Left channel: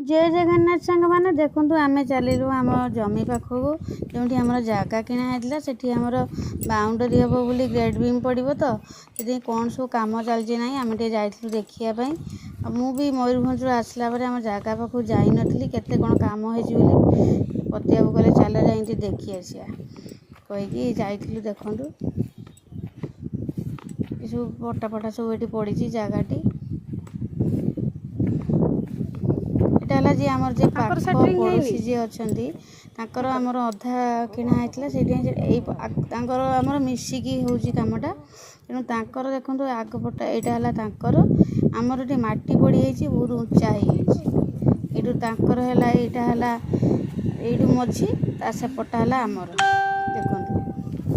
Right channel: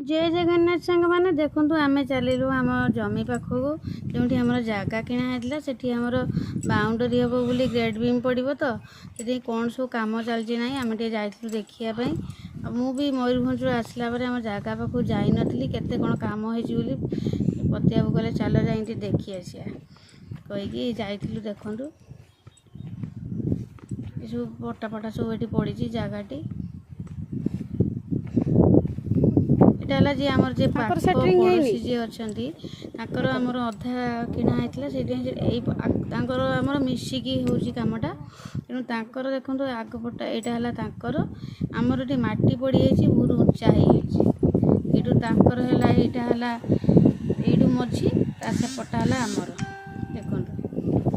जय जगन्नाथ सांग मैंने देखूँ आम चलू आम जमी पाखक जो आम जगह किणाला से आमर बाउंडरी हम बोली ग्रेड बीम पड़ो तो से कौन सब कम चलती ना आम जाइलु देखापी मु भी मयूरभंज आसला आम जगह पाखक जाई नी केते कौन कम होली पतिया कहले चल जा देखी आसिया कहीकि जाइलु देखु सब पटा पटा सब ये पड़ी जगहटी है जी आमर जे पड़ोसी जी अच्छा आमर अधा किणाई से आमर मिसिकी हूँ कमटा तेणु तांकर देखो आगपटा यहाँ आमर ये मटी पड़ी बहुत उच्चा होकर यू मझी सेपटा है आमर देखो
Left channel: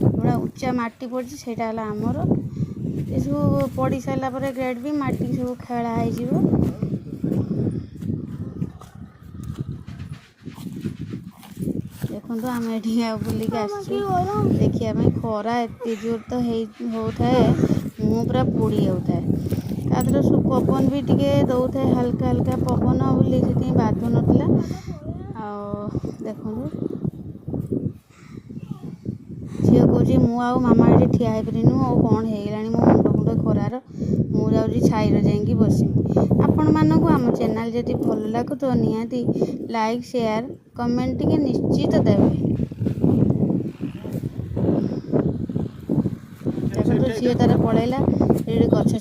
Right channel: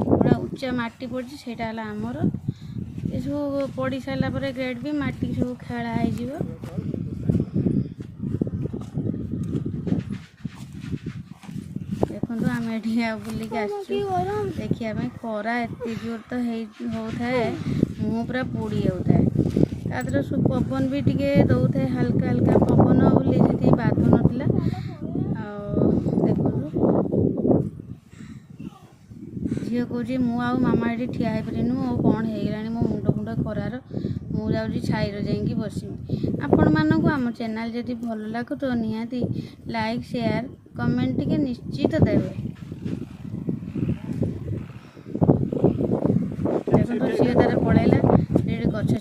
पूरा उच्चा मटी पड़ी से आमर ये सब पड़ सारापर ग्रेड भी मटी सब खेला हो देखो आम ये बुलिक देखा खरा एत जोर तो होता है मुँह पूरा पोड़ी जाता है तादर सब पवन भी टे दौता है हल्का हल्का पवन बोली से बाधु नाला देखो झील कौच मुझे मामा ये ठिया पारिनु और कौन होगा मो मुंड मुंड खरार मुझे छाईर जा बसमी आपण मानक आम चैनल जदि भल लगु तो निहाती लाइक शेयर कमेंट टिके निश्चित देवे देखो झील तार पलैला गछ